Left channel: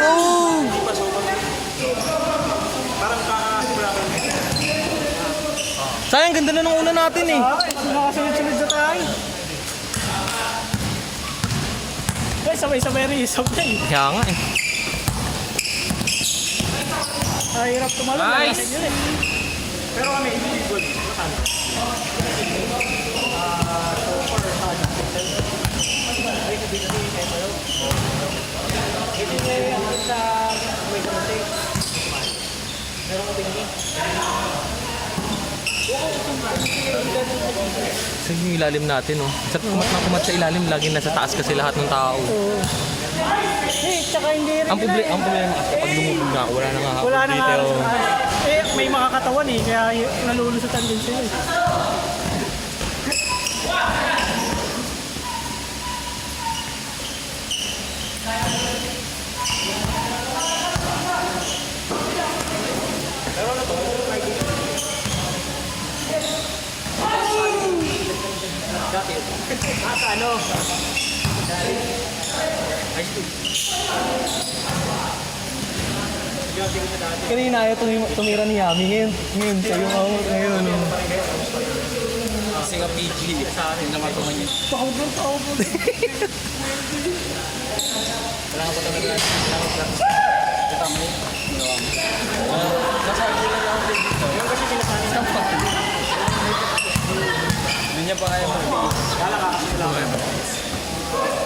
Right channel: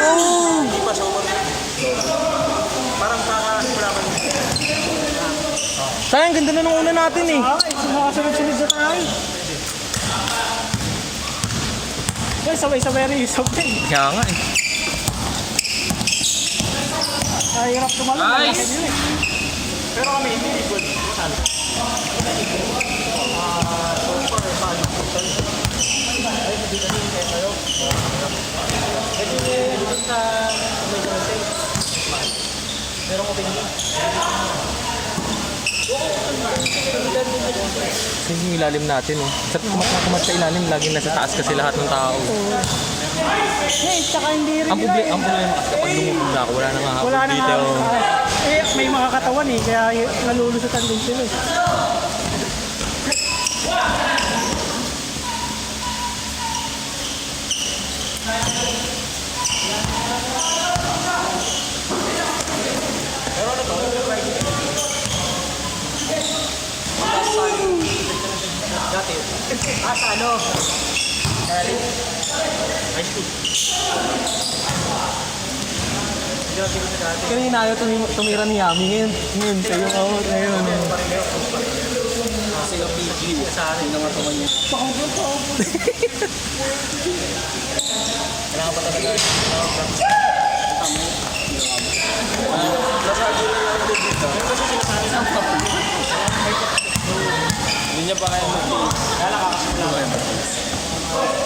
Oh! Hindi pa sober. Parang kakasimula pa yun. Sayang, ganda na nung una natin eh. Sunod-sunod na tayo. Guys, sabay-sabay rin isog yan. Kaya nga eh. Ay, hirap tumalong. Nice! Pero kami individual. Saan? So far, saan? Ay, hindi na rin kayo. Pwede nyo sa may kamasay. Meron ko pinagin. Kasi yung ilalim natin oh. Sa kumat sa ilalim, laging nasa taas kasi lahat ng tao. Eh, tsaka hindi rin. Ang problema kasi kapag lumubog na ako, wala nang hahapon Wala na dito. eh, may mga katawan eh, kaya nalulusutan din sila eh. Pero ano to? Dati. Sa ano? High school. Kanina ayaw tumira ni Yami ngayon sa'yo ako ngayon. Kasi nga PG sa akin naman tumanyin. Kailangan pa talaga. Kailangan practice. Yung kasi sinasabi ng papi. Hindi niya pa kaya mag-iis. Kaya lang kakasimula ko.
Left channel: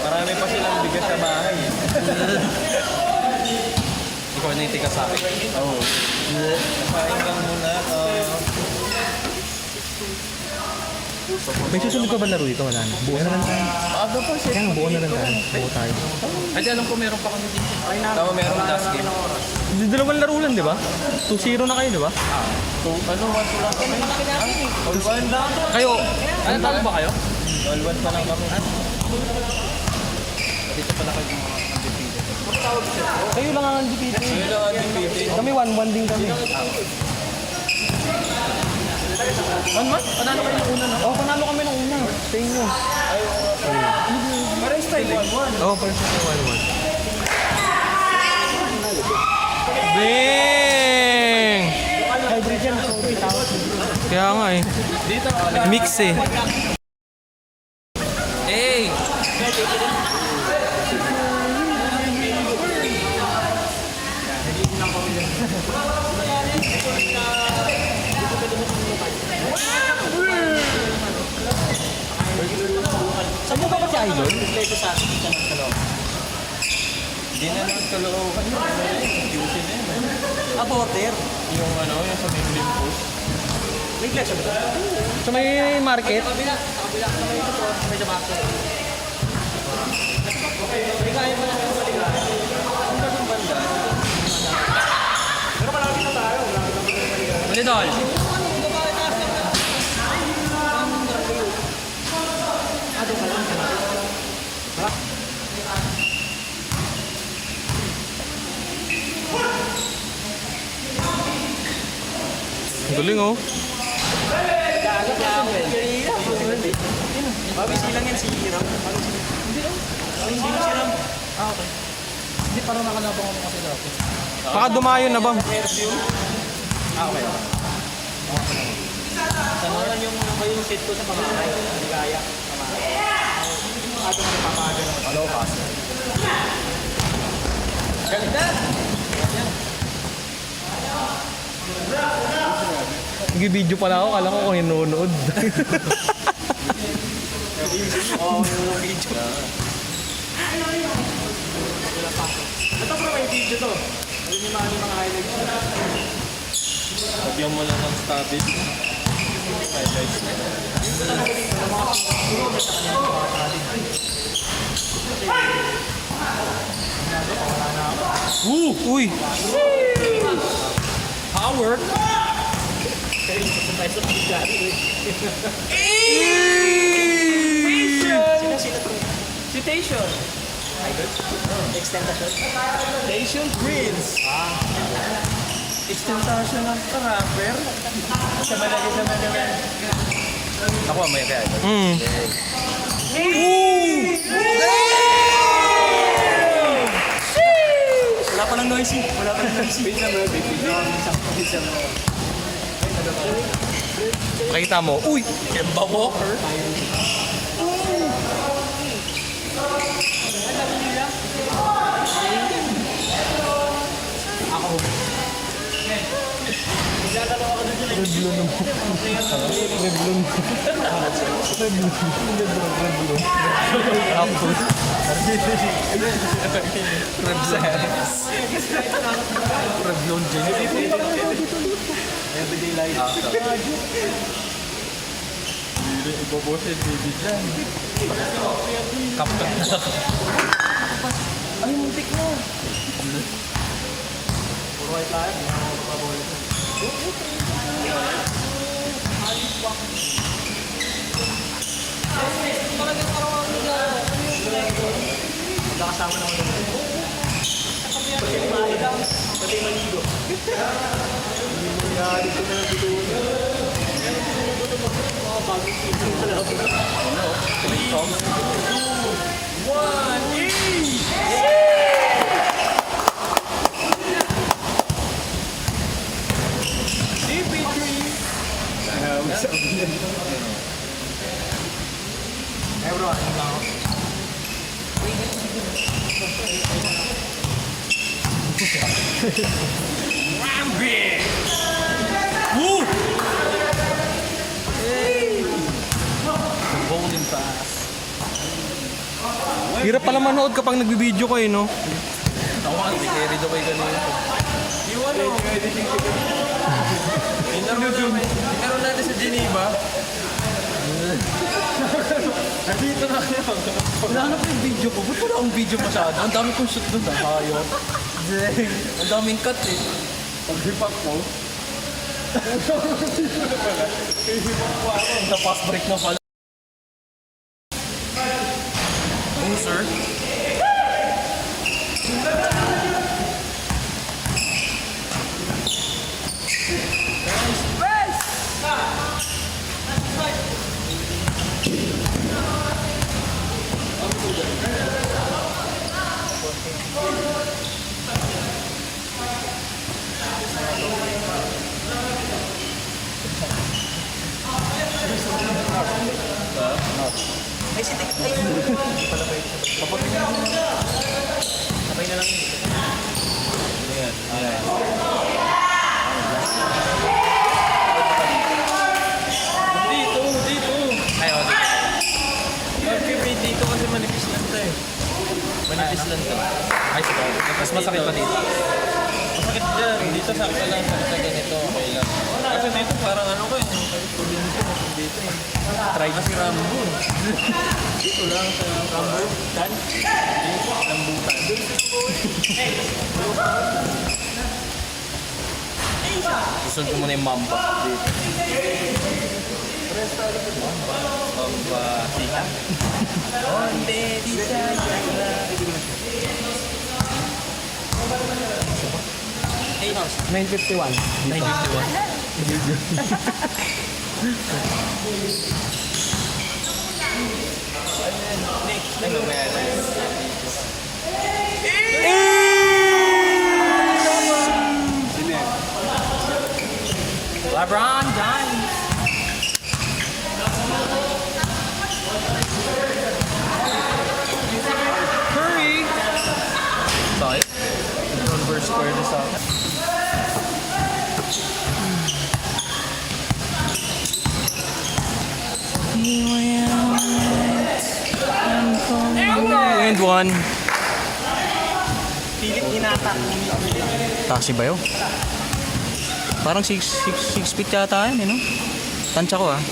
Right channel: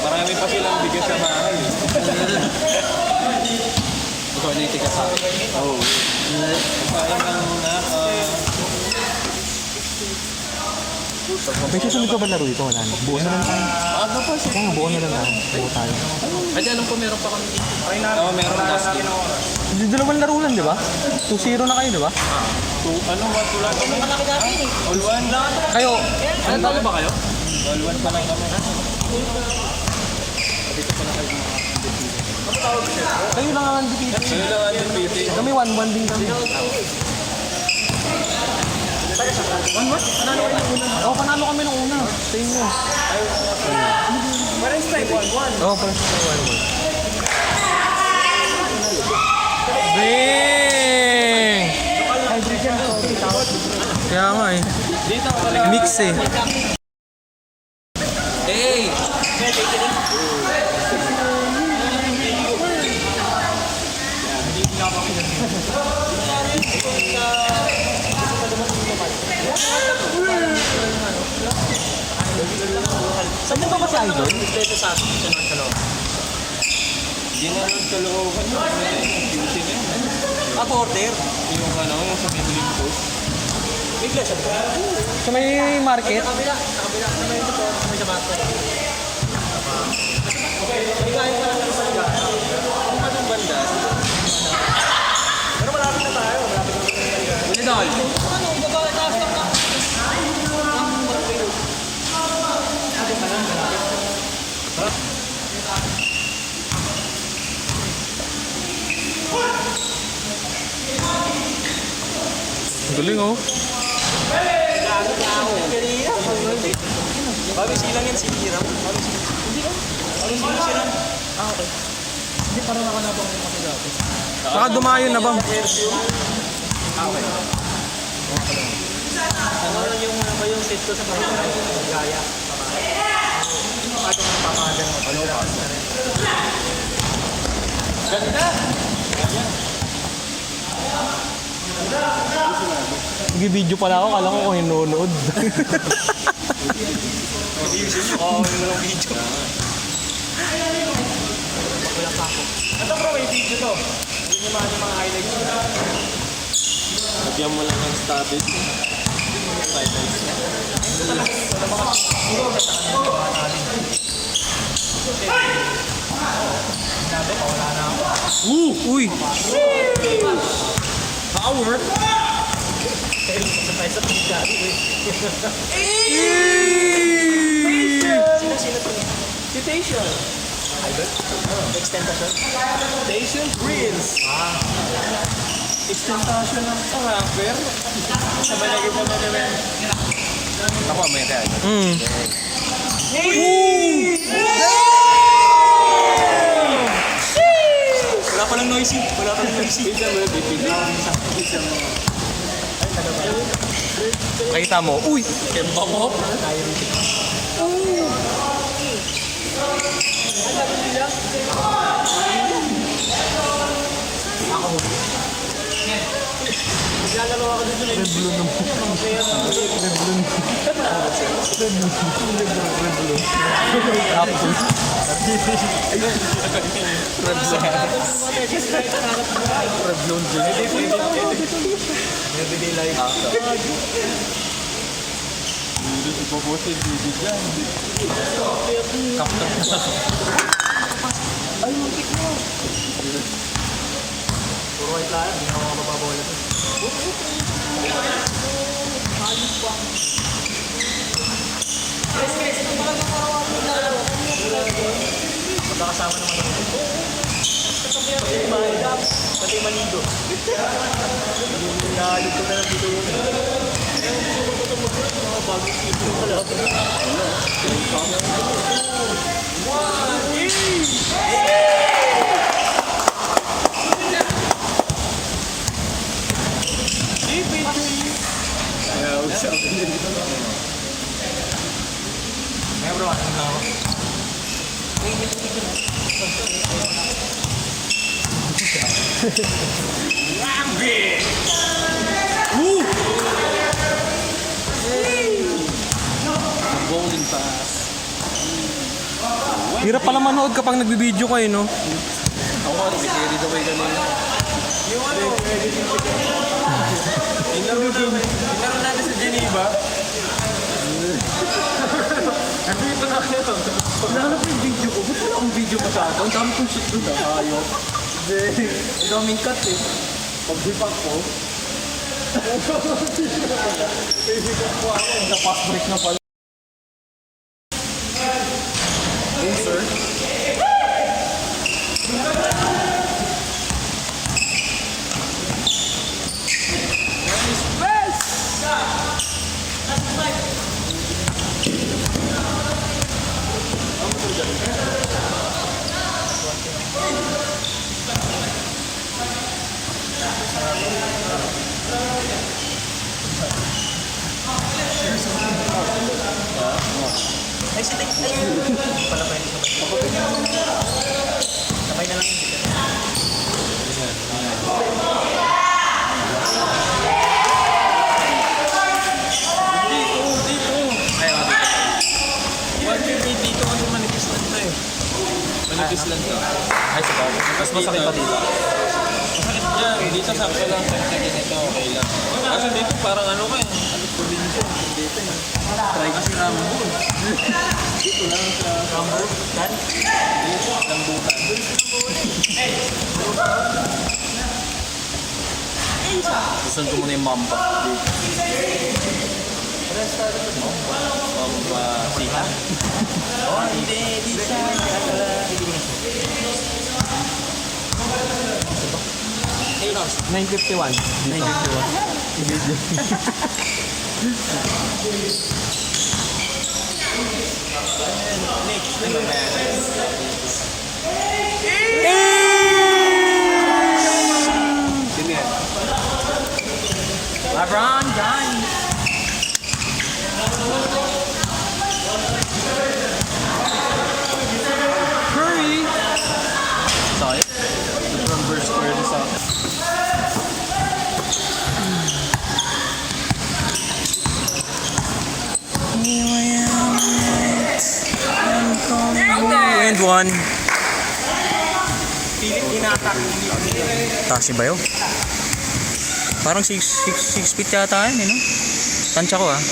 Marami pa silang bigas sa bahay. Ikaw na itika sa akin. Oo. Kasain lang muna. May susunod ka ba laro dito? Wala na. Buo na lang tayo. Ano pa siya? Kaya nga, buo na lang tayo. Buo tayo. Ay, alam ko meron pa kami dito. Try namin. Oo, meron Wala last namin game. ng oras. Dalawang laro lang, di ba? 2-0 na kayo, di ba? Ano, what wala kami? Malaki natin eh. All one? Kayo, Ano talo ba kayo? All one pa lang kami. kayo lang ang undefeated. Ano lang ang meeting? Kami 1-1 din kami. Oh, panalo kami nung una. Sa inyo. Parang style 1-1. Oh, parang sa 1-1. Bing! Hydrogen, sorry, tawag. Kaya nga eh. Mix eh. Hey! Saan mo ba kasi idol? Ito sa akin. Sa North Caloocan. Hindi na nagkalookan yun. Ayusin na yun. Ah, porter. Yung ano, yung sa Biblim Post. May glass sa ba? Sa may market? Sa kabila. Sa kabila. Sa may ito po. Sa may sabato. Maligaya pa lang ako maligaya. Kung ba ng banda? Pero malapit na tayo. Malapit na tayo maligaya. Hindi dahil. Ato ka lang. Malapit. Harap. Ang galing oh. Bago silang yan si Hiram. Bago silang. Bago silang si Hiram. Ah, okay. Hindi, parang nakalabang ako kasi dati. Baka dumayo na bang? Ano yung ano ba yung set ko sa pamamahay? Maligaya. Pamamahay. Ano nga napapaga naman? Ano ba? Ganda! Nag-video pala ako, kala ko kung hinunood. Oo, yung walang video. Wala pa ako. Ito bro, may video to. Hindi niyo maano yung mga highlights ko. Lagyan mo lang ng stabbing. Highlights. Ito talaga dito, na mga sinulat sa kanila mga natin. Kasi, nado pa, wala na ako. Uy! Power! Kaya sabay sa pagkari eh. Sino to? Citation! Idol? Extentation? Citation Prince! Ah. Extentation ng rapper. Sa malagay naman naman. Ako, may agad. Hmm. Wala pa lang noisy. Wala pa lang noisy. Nakita mo, uy! Tapos, Everyday life. Ipopost yung baby dyan. Puro white lang. Hindi na ako mapapabola. Magkakasama naman ako. Pati kumain. Pati maligo. Nakalit ko na lang dito. Mga bagong dito pala ako. May bro, ano lang ako? Bowling pass. hirap pala manood kapag nagbibideo ko eh, no? Ako nga, si Kerry daw kayo ganun. Yung ano, laro natin sa Geneva. Nahanap yung video ko. Ba't wala akong video masyado? Ang dami kong shit doon. Ayaw. Ang daming cut eh. Pag-hipak ko. Sa fast break na pala. Oh, sir. Ay, si Tek, ayun. Hindi pala pwede sabay. Sabay na lang yun. Dito. Ay, mabigit. Mag-vibrate dito kasi manipis lang to eh. Manipis lang to. Ay, sa bagay. Mas masakit pa dito. Masakit dyan. Dito sakit pa lang. Sakit na ganito. Okay lang. Kasi dito parang ano ka eh. Sakit ko din ito. Dito eh. Try kasi Rambo. Dito lang sa Rambo. Dan? Lambutan. Gusto ko muna yung mamba. Mamba. Sika. Oh, hindi. Di sana. Hey, Nars. 951. 951. Video. Sino yan? LeBron James. Curry! Sorry? Converse Curry sa akin. And one. Pilit inatak. Taxi ba yun? Parang 6 feet yata yan eh, no? Tansya ko ah.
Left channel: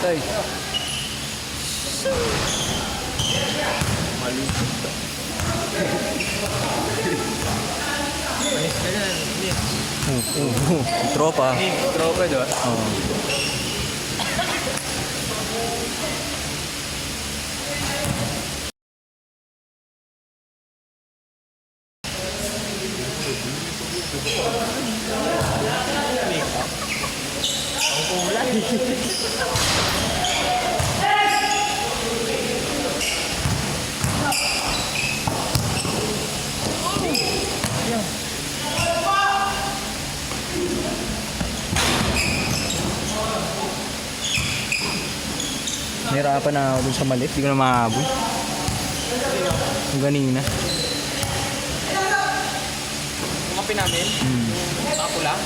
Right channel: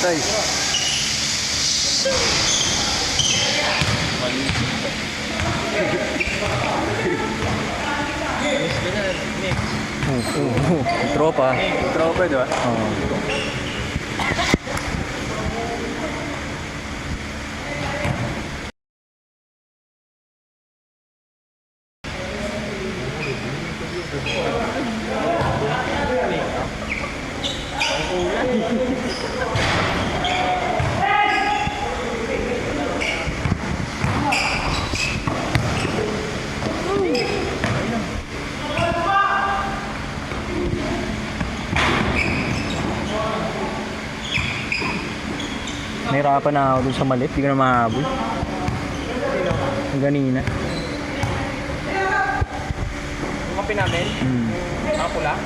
Tay. Tropa. Tropa, di ba? Oo. Nahirapan na ako dun sa malit, di ko na mahabol. Yung ganina. Kumapi namin. Nakapula.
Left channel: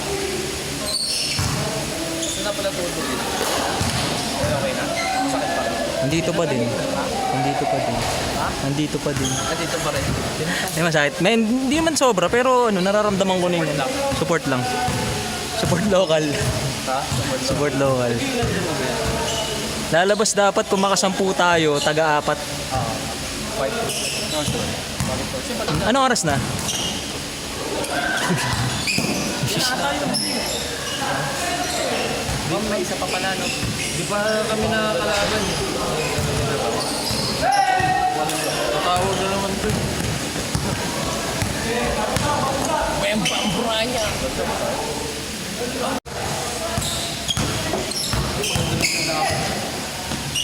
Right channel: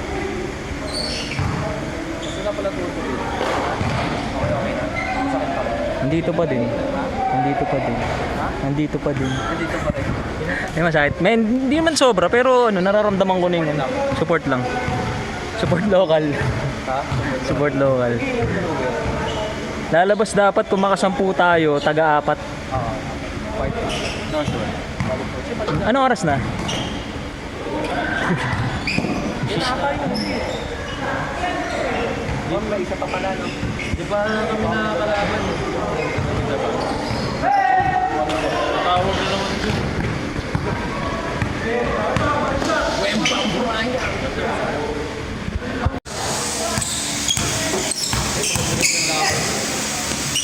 Sino pala to? Okay na. Masakit pala. Nandito pa din. Nandito pa din. Nandito pa din. Nandito pa rin. Hindi masakit. May, hindi man sobra, pero ano, nararamdaman ko na yung ano, support lang. Support local. Support local. Lalabas dapat kung makasampu tayo, taga-apat. No, sure. Ano oras na? Ma'am, may isa pa pala, no? Di ba kami nakakalaban? Tao na naman dun.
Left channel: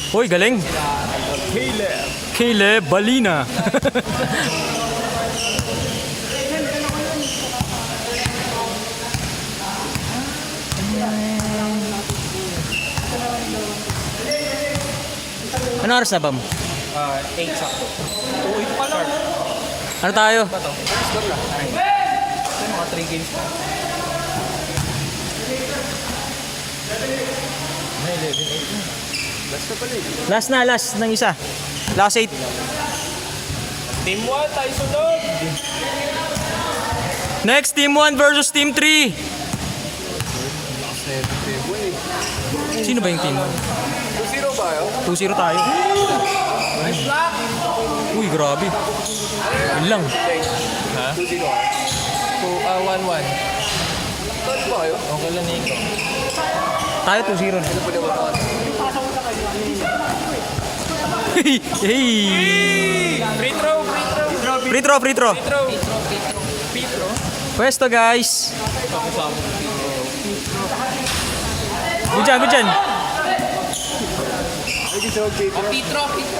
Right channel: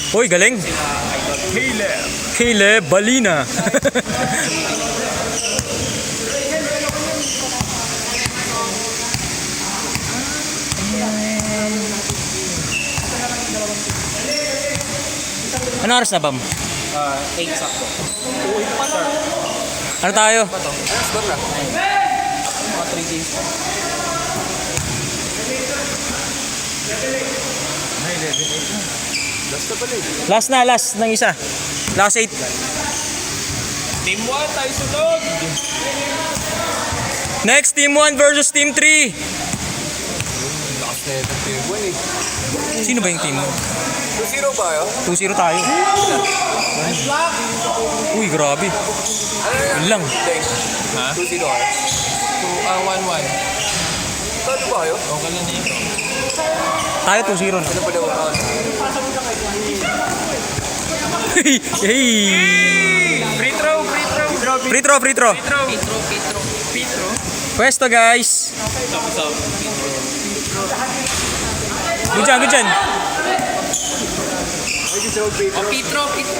Uy, galing! Caleb Balina! Ano oras na, Bam? 8 sakto. Ano tayo? Ba to? Ano score na? Mga 3 games pa. Basta pala eh. Last ng isa. Last 8. Team 1, tayo sunod! Next, Team 1 versus Team 3. Last na yun, team 1 eh. Sino ba yung Team 1? 2-0 ba yun? 2-0 tayo. Uy, grabe. Yun lang. Ha? 2-0 kayo? 1-1. Saan ba kayo? Okay lang nito. Tayo 2-0 na. Ano pa naman ako? Hey! Free throw! Free throw, free throw. Pwesto, guys. Good dyan, good dyan.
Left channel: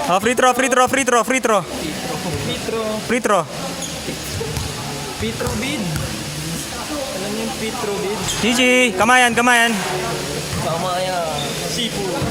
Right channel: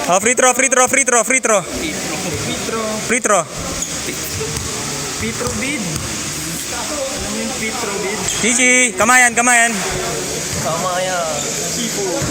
Oh, free throw, free throw, free throw, free throw. Free throw. Petro bid. Alam mo yung Petro bid? GG, kamayan, kamayan. Sama kaya. Seafood.